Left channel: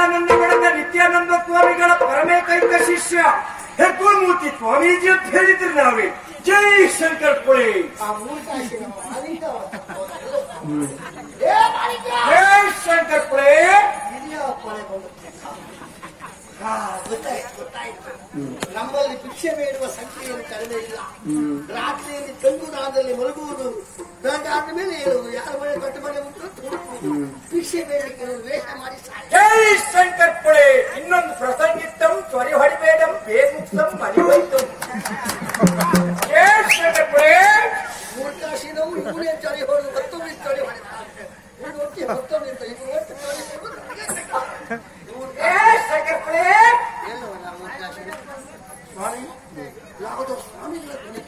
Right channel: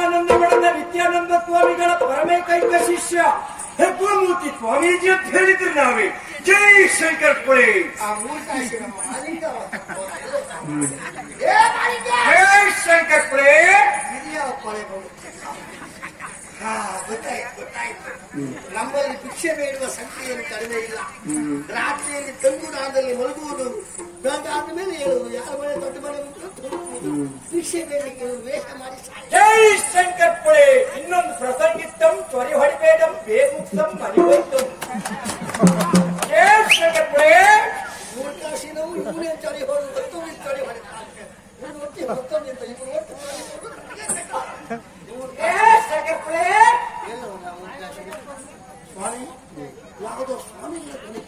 ಸಚ್ಚಿದಾನಂದ ಮಠದ ನಿತ್ಯಾನಂದ ಸ್ವಾಮಿಗಳ ಪರಮೇಕೈಕ ಶಿಷ್ಯ ಹೆಗ್ಗುಮೂರ್ತಿ ಸ್ವಾಮೀಜಿ ಅಂತ ಹೇಳಿದ್ರು ನಾವೇ. ಜೈ ಶಂಕರ್ ಪುಳೆ. ಜೈ ಶಂಕರ್ ಪುಳೆ. ಗೊತ್ತಾಯ್ತು. ನಮ್ಮಲ್ಲಿ ಭಿಕ್ಷೆ ಬೇಡುವ ಸಂಖ್ಯೆಯನ್ನು ಕಡಿಮೆ ಇಲ್ಲ. ರಾತ್ರಿಯಲ್ಲಿ ತಂಗುಡಾದಲ್ಲಿ ಮಲಗುವುದು, ಆದ ಮೇಲೆ ಹೇಳುವುದು, ಯಾರ ಮನೆ ದೊಡ್ಡ ಮನೆ ಉಂಟು ಭಿಕ್ಷೆ ಬೇಡಕ್ಕೆ ವೇಷ ಮಾಡಿ. ಜೈ ಶಂಕರ್ ಪುಳೆ. ಇನ್ನೊಂದು ಪ್ರಸಂಗಿತ್ತಂ ತ್ವರಿ ಹೊಡಿಬೇಡಂ ಬೇಗುಪ್ತಂ ಮನಿ ಹೋಯ್ತು. ಜೈ ಶಂಕರ್ ಪುಳೆ. ಮೂರ್ಖಾಶಿನವು ಇವನೇ ಚಳಿ ಹೊಡೆದು ಮತ್ತೊಮ್ಮೆ ಚಳಿ ಹೊಡೆದ ಮತ್ತೊಮ್ಮೆ ಅಂತ ಇಬ್ಬರು ಒಟ್ಟು ಚಳಿ ಹೊಡೆದು ಸ್ವಾಮಿ ಯಾವುದೋ ಸ್ವಾಮಿಗಳ ಧ್ವನಿ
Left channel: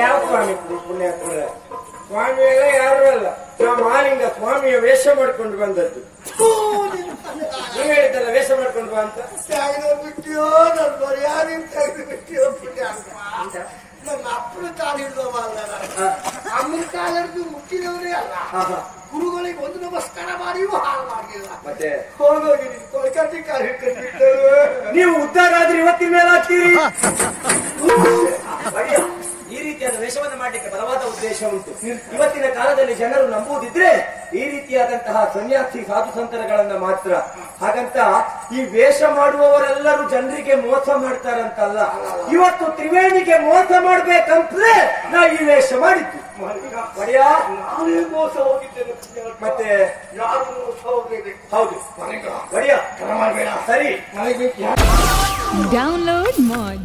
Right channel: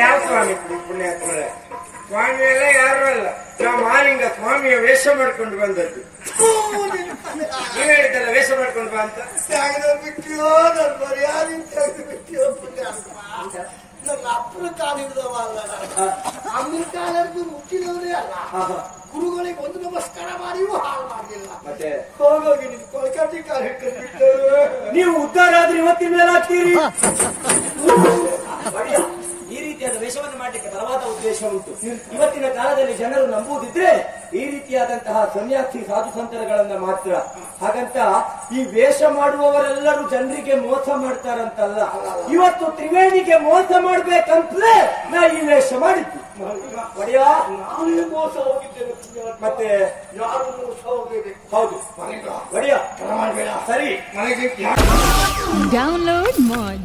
ಯಾವ ಸ್ವಾಮಿ ಪುಣ್ಯ ಸ್ವಾಮಿ ಎಲ್ಲ ಯಾರು ಅಲ್ಲ, ನಾವು ಮಾಲಿಂಗ ಸ್ವಾಮಿಯ ವೇಷ ಮಾಡ್ಕೊಂಡು ಬಂದದ್ದು. ನೀವ್ ಹೇಳಿದ್ದಲ್ಲ ವೇಷ ಮಾಡ್ಕೊಂಡು ಬಾ ಅಂತ. ಬಿಟ್ಟಿಯೋ ನನ್ನ ಮರ್ಯಾದಿಂದ ತೆಗೆದು ಬಿಟ್ಟಿಯೋ ಪುಣ್ಯ ಅಂತ. ನನ್ನ ಅಪ್ಪನ ಕಾಲು ಹಿಡಿದವ ಅಲ್ಲ, ಅಮ್ಮನ ಕಾಲ ಹಿಡಿದು ಮುಟ್ಟಿದವನೇ ಅಲ್ಲ. ಗುರುಗಳಿಗೆ ಒಂದು ನಮಸ್ಕಾರ ಮಾಡಿಯೂ ಹಾಳು ಮಾಡಲಿಲ್ಲ. ಮತ್ತೆ ಹೋಗೋಗಿ ನೀನು ಕೊಲ್ಕತ್ತಿ ಕಾಲು ಹಿಡ್ಕೊಂಡು ಬಿಟ್ಟು ನೀವು ಉದ್ಧಾರ ಆದ್ರೆ ಇವತ್ತಿನ ಮೇಲೆ ಆಗ್ತೀರಿ. ಈ ರೀತಿಯಾದ ವೇಷವನ್ನು ಮಾಡಲಿಕ್ಕೆ ಬಲವಾದ ಉದ್ದೇಶ ಉಂಟು. ಇವತ್ತಿನ ಕಾಲದಲ್ಲಿ ಜನರು ನಂಬುವುದಿದ್ರೆ ಈ ರೀತಿಯಾದಂತಹ ಸನ್ಯಾಸಿ ಸಾಧು ಸಂತರಗಳನ್ನ ಮಾತ್ರ. ಹಾಗಂತ ಈ ವೇಷ ಮಾಡುವವರೆಲ್ಲರೂ ಜನರಿಗೆ ಮೋಸ ಮಾಡ್ತಾರಂತಲ್ಲ. ಇವತ್ತು ತ್ರಿವೇಣಿಗೆ ಮೋಸ ಮಾಡ್ಬೇಕಂತಲೇ ನಾ ಈ ವೇಷ ಮಾಡಿದ್ದು. ಒಡೆಯ ನಾನೇ ಮೋಸ ಹೋಗಿದ್ದೇನೆ. ಮತ್ತೆ ಯಾರು ಮೋಸ ಹೋಗಬೇಕು? ಹೌದು ಒಡೆಯ ಮಾಡಬೇಡ. ಸರಿ ನನಗೆ Download Moj.